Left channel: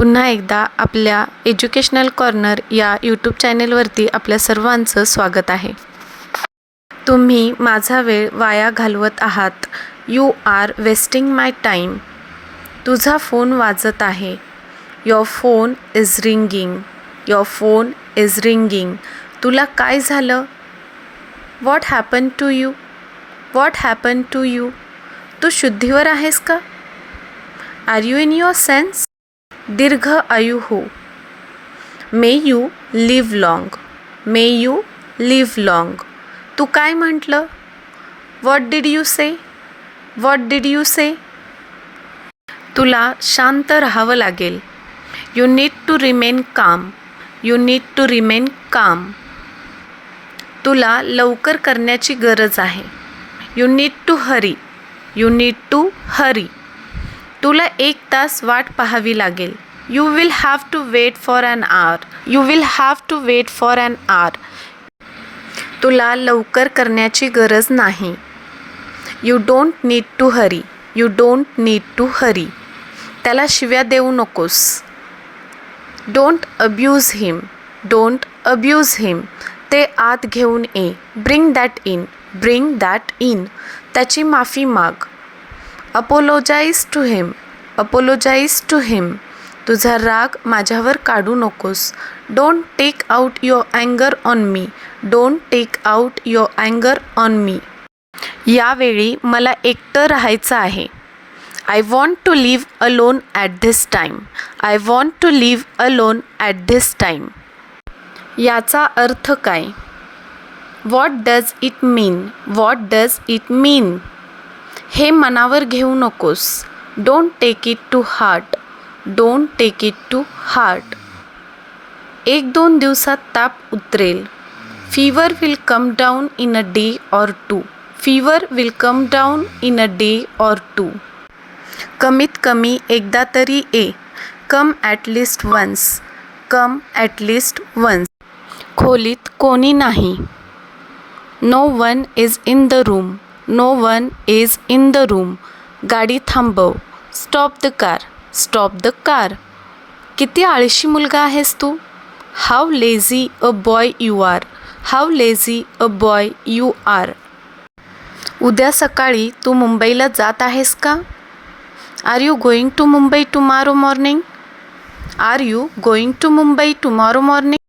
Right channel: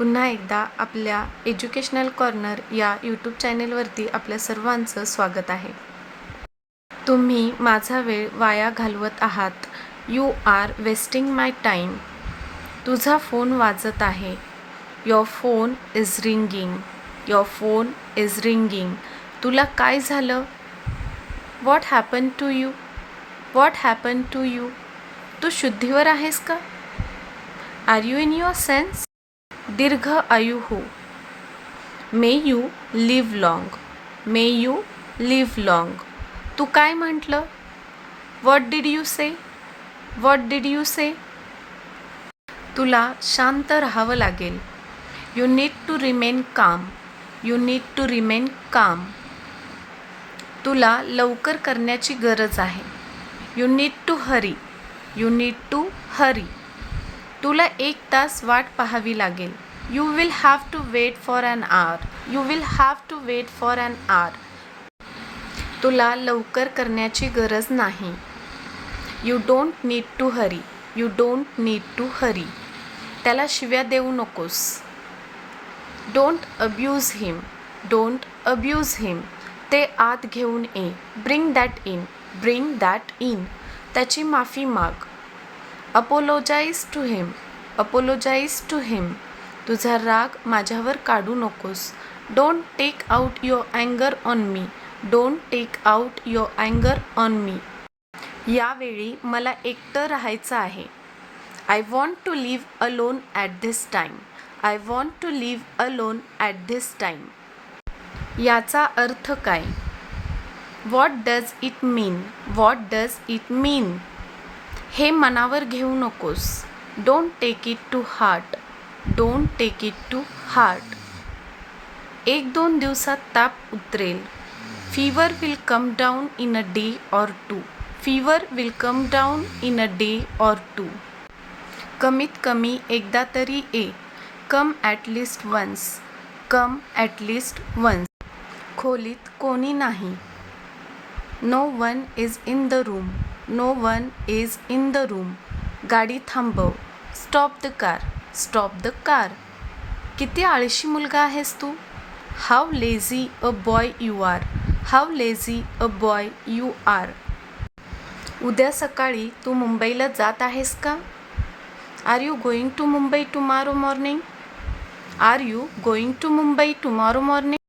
पुन्हा एकदा आपल्या एज्युकेशनल कॉर्नर या यूट्यूब चॅनेलवरती आपल्या सर्वांचं स्वागत आहे. तुम्ही माझा वेळ वाया घालवत आहात. You are wasting my time. तुझा फोन वाजत आहे. Your phone is ringing. Your phone is ringing. तुला काय झालं? What happen to you? What happen to you? तू शुद्धीवर आहेस का? Are you in your sense? दीर्घ आयु हो. May you live long. May you live long. तू काय म्हटलं? What did you say? What did you say? तुला शांत राहावं लागेल. You need to remain calm. You need to remain calm. तुला लवकर करण्याची गरज आहे. You need to hurry. You need to hurry. तुला 1 तास वाट पाहावी लागेल. You will have to wait for an hour. You will have to wait for an hour. तुला लवकर करण्याची गरज नाही. You don't need to hurry. You don't need to hurry. त्याला शिव्या देऊ नकोस. Don't abuse him. Don't abuse him. ते आत घेऊन ये. Bring that in. Bring that in. त्याची माफी माग. Apologise to him. Apologise to him. तुझा राग माझ्यावर काढू नकोस. डोंट टेक आउट युअर अँगर on me. Don't take out your अँगर ऑन मी. यावेळी मला एकटं राहायचं आहे. I want to live alone at this time. I want to live alone at this time. याचा अर्थ काय? What does it mean? What does it mean? हे मनावर घेऊ नकोस. Don't take it to heart. Don't take it to heart. 1-2 दिवसात ताप उतरेल. Fever will come down in a day or two. Fever will come down in a day or two. कमीत कमी एकदा तरी ये. Come at least once. Come at least once. खोलीत कोणी नाही. No one is in the room. No one is in the room. गाडी थांबव. Stop the car. Stop the car. किती आळशी मुलगा आहेस तू. How lazy a boy you are. How lazy a boy you are. उद्या सकाळी तू मुंबईला जात आहेस का? Are you going to Mumbai tomorrow morning? Are you going to Mumbai tomorrow morning?